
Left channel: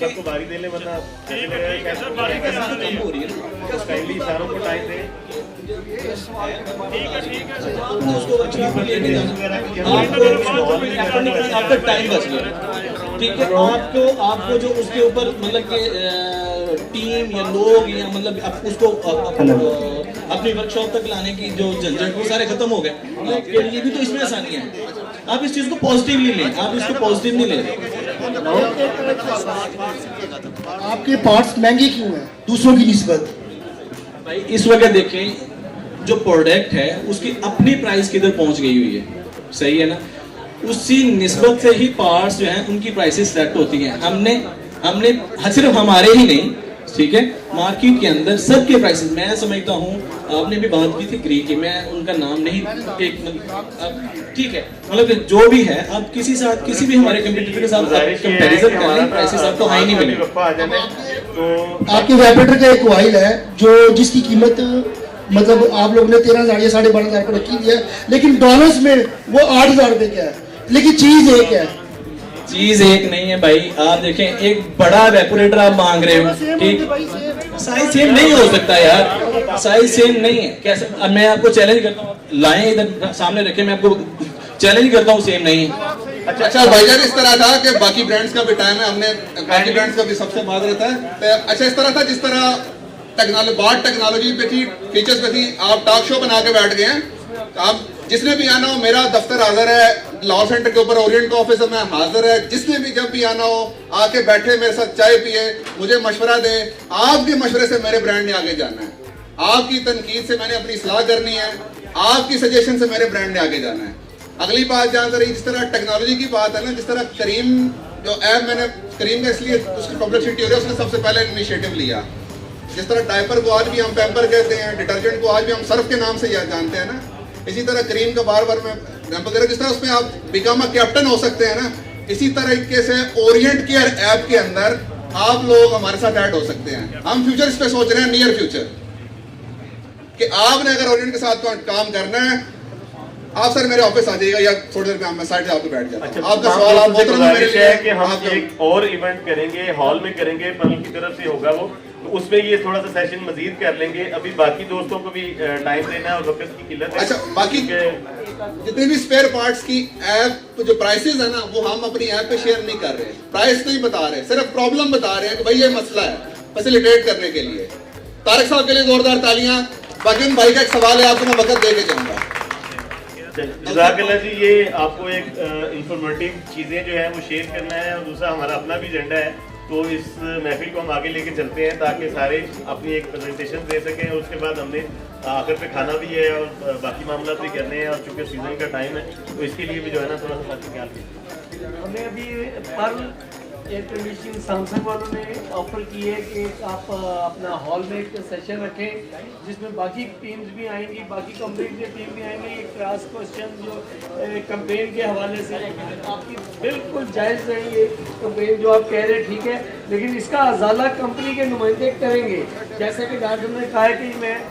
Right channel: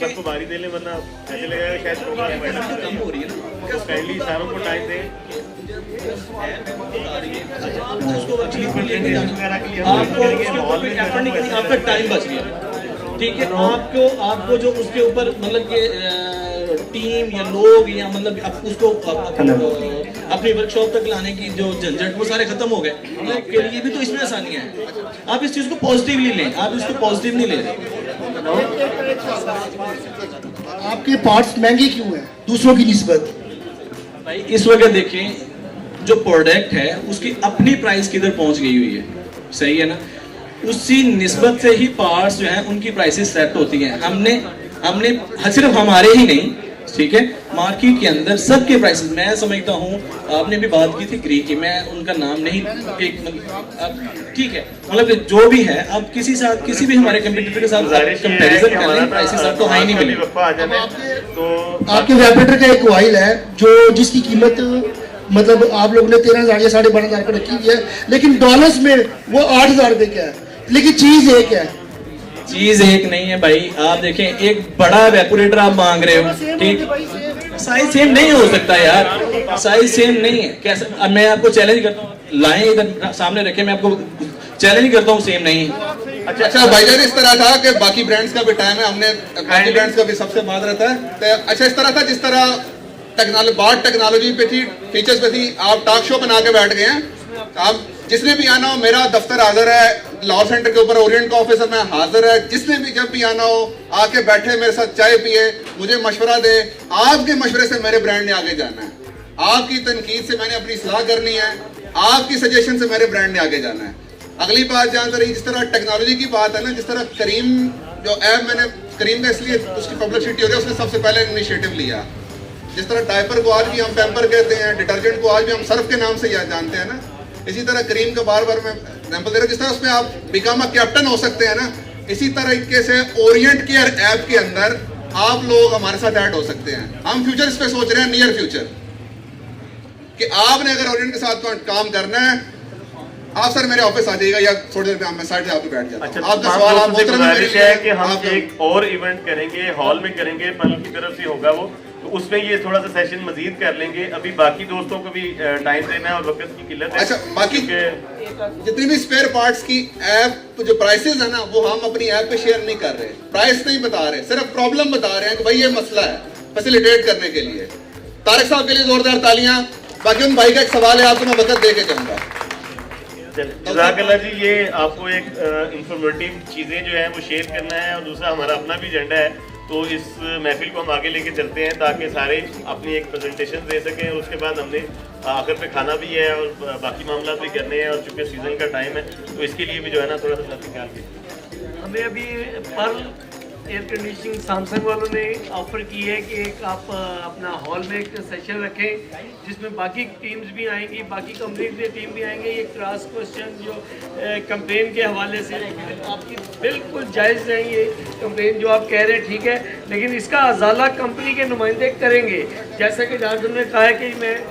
सबको बारी दे लें, वरना कैसे लगेगा शायद कम हो रही है ना, स्टाइलिश सारों को टाइम दें। आपका टाइम बच गया, ठीक है। आपको जो उसके ऊपर मतलब कि टीम या लोग या मतलब उसको अपनी वर्कशॉप तक लाने की जो झंझट वो सारे खत्म हो गए, आपके लिए भी तो इसमें आसानियां हैं। आप इस चीज को पॉजिटिवली लें, आप इसको पॉजिटिवली लें। आपके पार्ट्स महंगे क्यों हैं दूसरों की निस्बत? भाई इस वक्त देखें, जो प्रोडक्ट है उसकी अपनी प्राइस किधर पहुंच गई हुई है, सही है ना, उसी निस्बत से ही पार्ट्स जो हैं उनकी प्राइसेस सेट होती हैं। हमने सिर्फ हमारे ही नहीं, ठीक है, मार्केट के अंदर सबके प्राइसेस, मैं समझता हूँ, आपने भी बात की थी ग्री की, मैं उनका नाम नहीं, ठीक है, मतलब जो भी है, आप किसी भी हमारे कंपटीटर के साथ कंपैरिजन कर लें, प्राइसेस आपको हाई नहीं मिलेंगे। तो आपके वाइब्रेटर का एक कॉइल है जो जिसकी कीमत मतलब आप लोगों ने 13,000 या 12,500 पर रखी हुई है, लेकिन डॉलर्स में वो 8,000 रुपए का है, लेकिन चीज एक है। चीज एक नहीं है भाई, आप देखें, एक बड़ा वेपोरेटर आप मांग रहे हो, ठीक, साइज सेम नहीं हो सकता यार, साइज सेम नहीं है। कैसे, अब मैं आपको चैलेंज करता हूँ, लाएं इधर सामने रखे, मैं आपको चैलेंज करता हूँ, सेम नहीं है। अच्छा भाईजान, इस तरह था कि बाकी ब्रांड्स का भी टाइम है, हमने बाकी ब्रांड्स का भी सबसे बात रहता है, तो अच्छा इस तरह था जिस तरह बात टेक्नोलॉजी पे थी, फीचर्स पे थी, आप टॉक शो बना के बैठ गए हैं। आप जिसने भी आना हो, मेरा दफ्तर हाजिर है, लॉ सेंटर के ऊपर ओरिएंट का ऑफिसर में हाजिर है, जिसने भी जब भी आना हो आके बैठे मेरे साथ चाय पिए, मुझे मशवरा दे, आपके मशवरे से मेरे ब्रांड ने आगे जाना है, आपकी तनकीद से मैंने अपनी सलाह करनी है, आपकी सजेशन से मेरे ब्रांड ने आगे जाना है। अगली बात जहाँ रही, जिस तरह टेक्नोलॉजी की बात है ना, जिस तरह करीम जो ऐप, मैंने करीम का इसलिए उसकी पब्लिसिटी हो गई, उसने सबसे पहले इनिशिएटिव लिया। जिस तरह डायपर को आज भी हम पैम्पर कहते हैं, डिटर्जेंट को आज भी हम सर्फ के नाम से याद जानते हैं ना, इसी तरह करीम को बार बार मैं एग्जाम्पल दे रहा हूँ, जिस तरह उसमें आप बिकम अ कैप्टन हो सकते हैं ना, इसी तरीके से ओरिएंट केयर ऐप के अंदर आप लोग हमारे साथ ऐड हो सकते हैं। हम फ्यूचर इस पे सोच रहे हैं, नियर फ्यूचर, कि आपने अगर ओरिएंट के साथ काम करना है, आप सर मेरे ऑफिस आ जाइएगा, या थोड़ी देर में मैं साइड से आपको बैठ जाता हूं। आपका सवाल आप गुजारिश है कि हम एक और इवेंट करेंगे, हॉल में करेंगे, पनल की तरफ से होगा वो, तो उसमें ये थोड़ा सा सेशन मजीद कर लेंगे। अभी बाकी दोस्तों को भी टाइम देना है और वक्त की किल्लत है। अच्छा, बाकी जितनी भी स्पेयर पार्ट्स की ऐप जो प्राइसेस है ना, वो हम अपनी ऐप पे शेयर नहीं कर रहे, प्राइस नहीं बता रहे, सिर्फ प्रॉब्लम बता रहे हैं कि भाई ये मसला है, फैसिलिटेट करने के लिए। तारिक साहब के लिए जोरदार तालियां। बाकी उन भाई का एक सवाल है, आपको मैं वक्त दे के जाऊंगा। जज़ाकल्लाह जी, ये आपको एक इंफॉर्मेटिव चीज़ें जो है वो शेयर करना है, और दूसरा हमारा अपना भी एजेंडा है, तो इस महफिल को हम आगे लेके चलते हैं ताकि सारे अपनी एक प्रेजेंटेशन दे सकें, और उसके बाद हमने आखिर पे खाना भी है और बाकी मामला भी करने हैं, और चूँकि सीजन का टाइम है तो इसके लिए भी जो है ना थोड़ा सा साथ ख्याल कीजिए। हमें अभी पर्ल एयर कंडीशनिंग सैमसंग वालों ने ऑफर की है कि एक आप अपना हॉल में एक सेशन रखें जिसमें बाकी टीम्स भी आएंगी, बाकी कंपनी की टीम भी आएंगे। ये क्रॉस क्वेश्चन जो कैंपेन के हवाले से आपकी बिल्कुल जायज़ है, ये कैंपेन जो आप कह रहे हैं ठीक है, लेकिन इसका अजाला कंपनी के नुमाइंदे करेंगे। जैसा कि झारखंड ने कहा है कि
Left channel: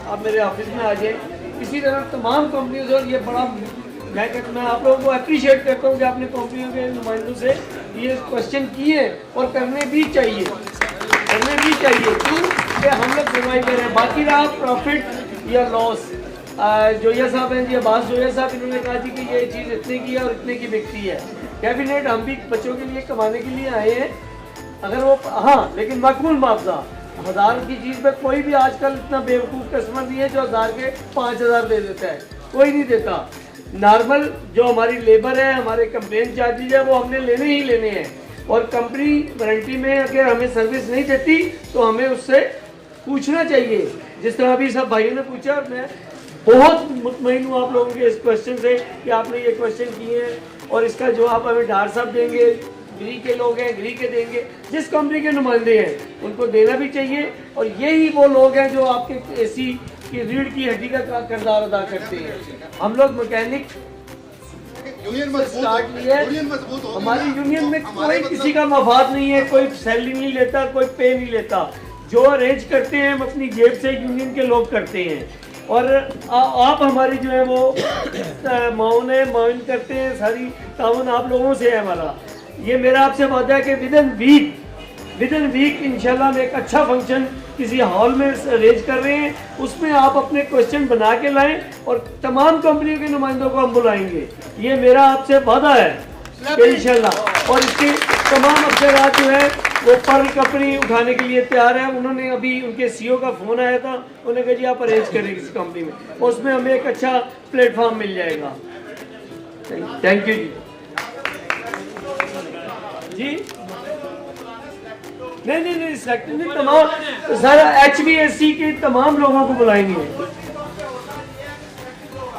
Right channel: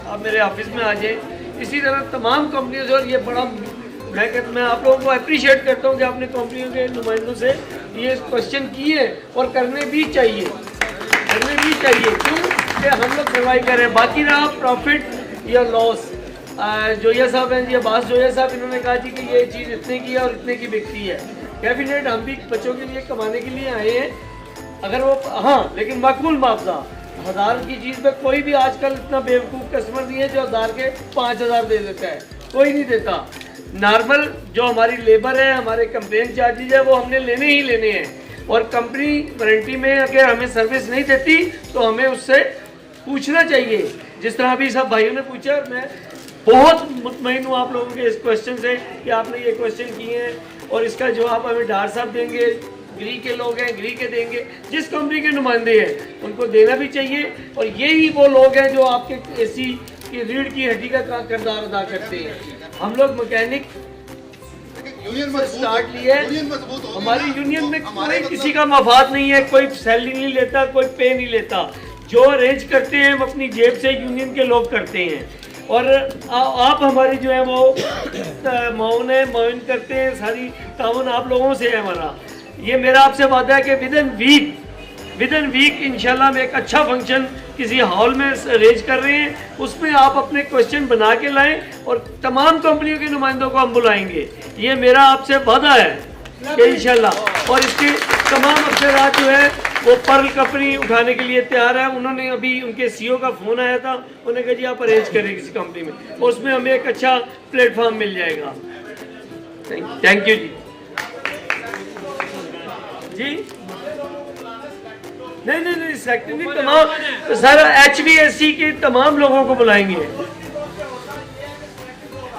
आप मेरे ऑफिस में आ जाएँ, इसी तरह तमाम कंपनियों से, और ये बड़ा मैं आप लोगों को अप्रिशिएट करता हूँ कि आपने कंपनियों के नुमाइंदों से ये क्वेश्चन किए, और करने भी चाहिए क्यों कि हम लोग सर्वाइव करें। बाकी रहा प्रॉफिट या लॉस, जोया साहब हैं जी, अब्बास जोया साहब, इन्होंने कहा जी कि ये चीज़ इतने की और इतने की बिकती है। डेफिनेट हम भी बच्चों के लिए कमाने के लिए आए हैं, अगर वो हाँ लेकिन माकूल मुआवजा। 1000 की चीज़ पे कोई भी आजकल इतना बेवकूफ़ कस्टमर नहीं है जो 1000 के 5000 दे देता है, कोई नहीं देता। नॉर्मल जो हमारी लेबर है, हमारे कंप्लेन चार्जेज है, वो हमने लेने ही लेने हैं। और कंपनी वारंटी में अगर हमें सर्विस नहीं देती तो हमें उससे पूछना चाहिए, जिस तरह अभी सब भाइयों ने पूछा। मैं बहुत मुतमईन हूँ आप लोगों के इस क्वेश्चन से कि आपने ये क्वेश्चन किए हैं और इसका जवाब हमें डार साहब देंगे, ग्री के लोग हैं ग्री के देंगे, जिस कंपनी के नुमाइंदे हैं उनको देना भी चाहिए। और यही वो लोग हैं जो आपके एसी की रीढ़ की हड्डी का किरदार अदा करते हैं। हम लोग मैकेनिक यूनियन स्टार्ट लिया है, हमारी यूनियन में कोई किसी का मफाद नहीं है, कोई सैलरी नहीं लेता, कोई पे नहीं लेता। जो अरेंज करते हैं हम अपनी जेब से यूनियन के लोग करते हैं। और आप हमारी जो है वो माउन करते हैं, सारी ताउन आप लोगों से है हमारा। ये मेरा आपसे वादा है कि विद इन वीक इंशाल्लाह हम एक अच्छा फंक्शन किसी हॉल में अरेंज कर रहे हैं, उसमें आप अपने क्वेश्चन बना के लाएं और तमाम कंपनियों के नुमाइंदों को हम बुलाएंगे। ये मेरा आपसे वादा है इंशाल्लाह। और इसके तमाम अफसरात जो है वो पर्ल कंपनी उठाने के लिए तैयार है। उन्होंने अभी उनके सीईओ का फोन आया था, उन्होंने कहा जी आप अरेंज करें किसी कंपनी में, और उसमें हमें एक अच्छा प्लेटफॉर्म मिल जाएगा। थैंक यू जी। नहीं सेक्टर नहीं, तमाम सारा HVAC के तमाम लोगों को बुलाएंगे।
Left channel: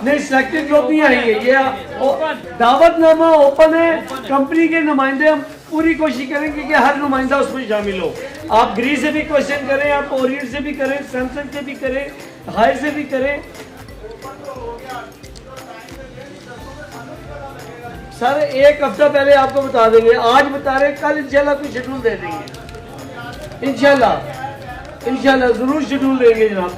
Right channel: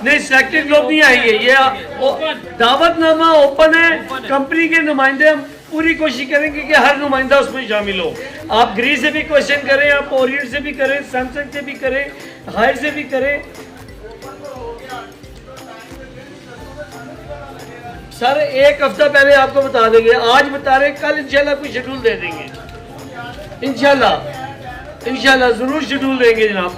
नहीं सेक्टर लोग नहीं आएंगे, ये दावतनामा ओपन है, कंपनी के नुमाइंदे हम पूरी कोशिश करेंगे कि हर नुमाइंदा उसमें शामिल हो। आप ग्री से भी क्वेश्चन करें, आप ओरिएंट से भी करें, सैमसंग से भी करें, हाई से भी करें। सर एक हफ्ता पहले आपको बता देंगे, आज बता रहे, कल इंशाल्लाह कोई शेड्यूल दे देंगे। इंशाल्लाह जरूर शेड्यूल देंगे जनाब।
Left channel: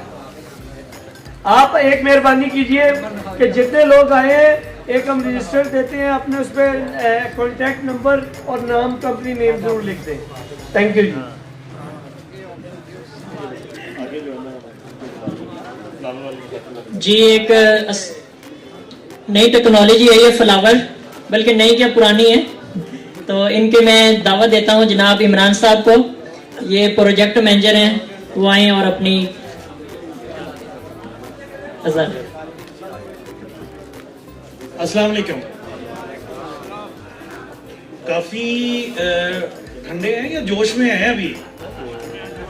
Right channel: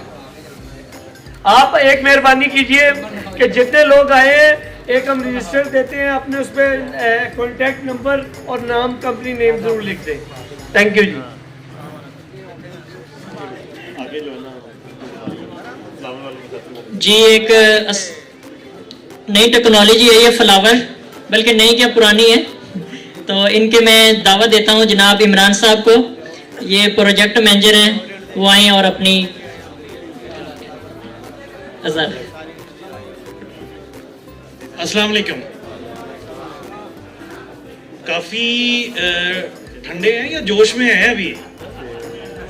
आप एक मेहरबानी कीजिए कि जितने लोग आए एक हम रजिस्टर देते हैं, अपने उस पर कॉन्टैक्ट नंबर और नाम कंपनी नेम जरूर लिख दें। थैंक यू जी। जी एक नई टेक्नोलॉजी है ये फ्लावर, बल्कि नई क्या पुरानी है, तो इनके मैं दावत देता हूँ जनाब इमरान साहब को, ये प्रोजेक्ट मैनेजर हैं, वो आए और अपनी अस्सलाम वालेकुम। काफ़ी ठंडे हैं या जोश में हैं अभी?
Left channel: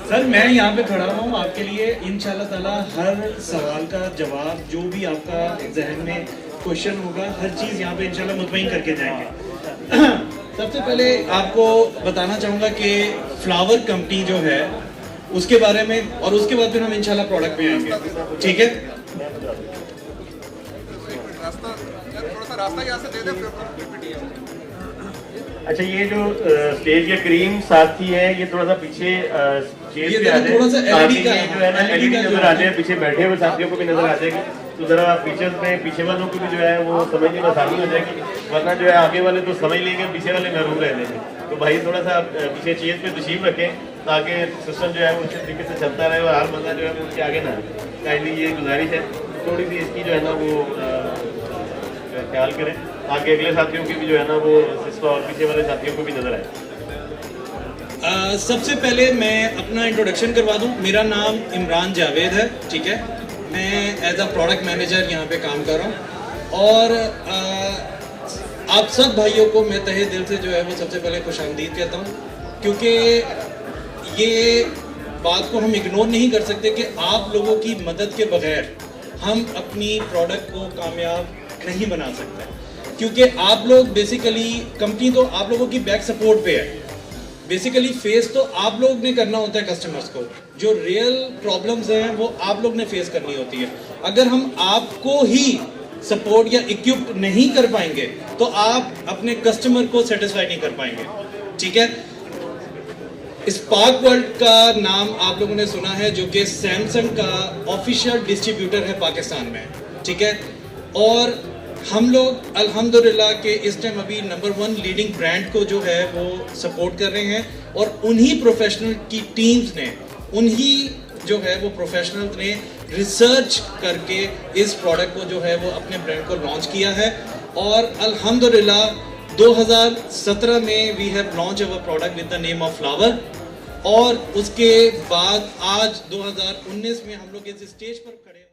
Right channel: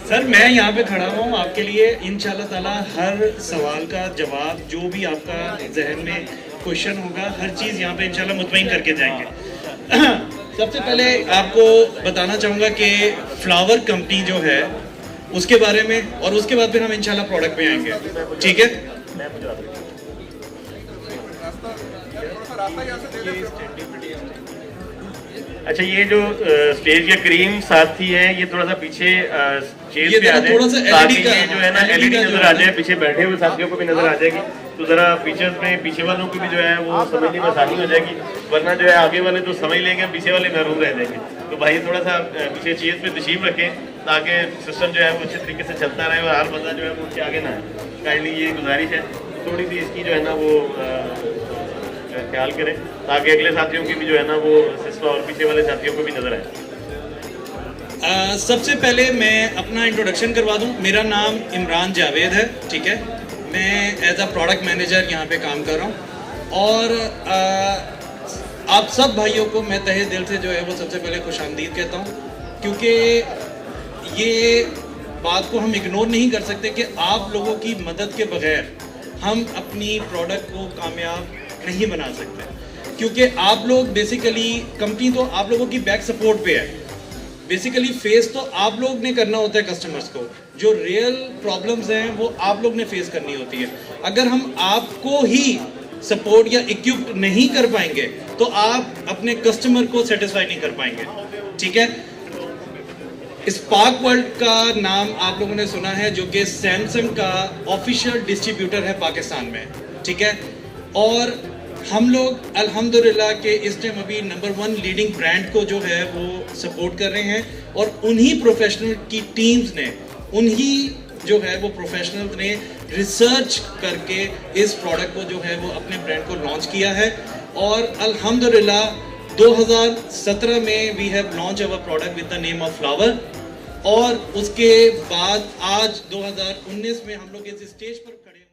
सर मैं यहाँ पे खड़ा हूँ आपके लिए, इंशाल्लाह ताला हर सवाल का जवाब, जो भी आपका जहन में क्वेश्चन होगा, हर चीज़ यहाँ पे इंशाल्लाह मुतमईन करके जाएंगे। सबसे पहले आपको बताना चाहूँगा कि फ्लावर कंपनी जो है उसके बारे में, और उसके बाद फिर हम इंशाल्लाह प्रोडक्ट पे आएंगे, ठीक है? अच्छा ये जो स्टेज के क्रीम साथी है, ये थोड़ा सा पीछे चेयर पे आ जाए, थोड़ा सा ताकि LED का, ये जो है ना LED नजर आ जाए, पीछे बैठे हुए साथियों को भी नजर आ जाएगी, तो जरा फीचर्स में पीछे वालों को भी जो है वो समझने में आसानी हो जाएगी, वरना जो है आगे वाले तो समझ लेंगे, पीछे वाले घर रह जाएंगे। तो भाई थोड़ा सा पीछे चेयर पे तशरीफ रखें ताकि सिस्टम जो है वो अच्छे तरीके से चलता रहे और हर बंदा जो है उसके आगे ना। काइंडली ये गुजारिश है, थोड़ी सी इसकी जो है ना वो ख्याल करें ताकि अगले साथियों की भी जो है ना वो सिस्टम और पीछे वाले साथियों को भी नजर आए। सबसे पहले मैं अपना इंट्रोडक्शन करवा दूं। मेरा नाम इमरान जावेद है, ठीक है? मैं एज अ प्रोडक्ट मैनेजर यहाँ पे काम कर रहा हूँ और आप सब भाइयों को मैं तहे दिल से जो है वो सबसे पहले खुशामदीद कहता हूँ, क्योंकि ये बात को हम इग्नोर नहीं कर सकते कि आप लोगों की मदद के बगैर हम अपनी प्रोडक्ट को कामयाब नहीं बना सकते, क्योंकि आप लोग बेसिकली, कंपनी तो आप लोगों की बैक सपोर्ट पे है, बेसिकली फेस तो आप लोग ने करना होता है कस्टमर्स को, जो रियल प्रॉब्लम्स हैं वो आप लोग ने फेस करनी होती है। अगर हम आपको ही सपोर्ट या इक्विप नहीं कर पाएंगे तो आप अपने कस्टमर को सेटिस्फाई नहीं कर पाएंगे, ठीक है? स्पार्क वर्ल्ड का नाम आप लोगों ने सुना है, जो कि सैमसंग का ऑफिशियल डिस्ट्रीब्यूटर है पाकिस्तान में, ठीक है? और हम लोग अल्हम्दुलिल्लाह के इस टाइम अभी नंबर 1 लीडिंग ब्रांड को जो है वो सपोर्ट कर रहे हैं, और उन्हीं प्रोफेशनल की टीम्स ने, उन्हीं जो है वो प्रोफेशनल ने रिसर्च करके इस प्रोडक्ट को जो है वो अपने ब्रांड को लॉन्च किया है और अल्हम्दुलिल्लाह 2017 में we have launch our product with the name of flower और उसके बाद आज 2019 में हम लोग इस स्टेज पर खड़े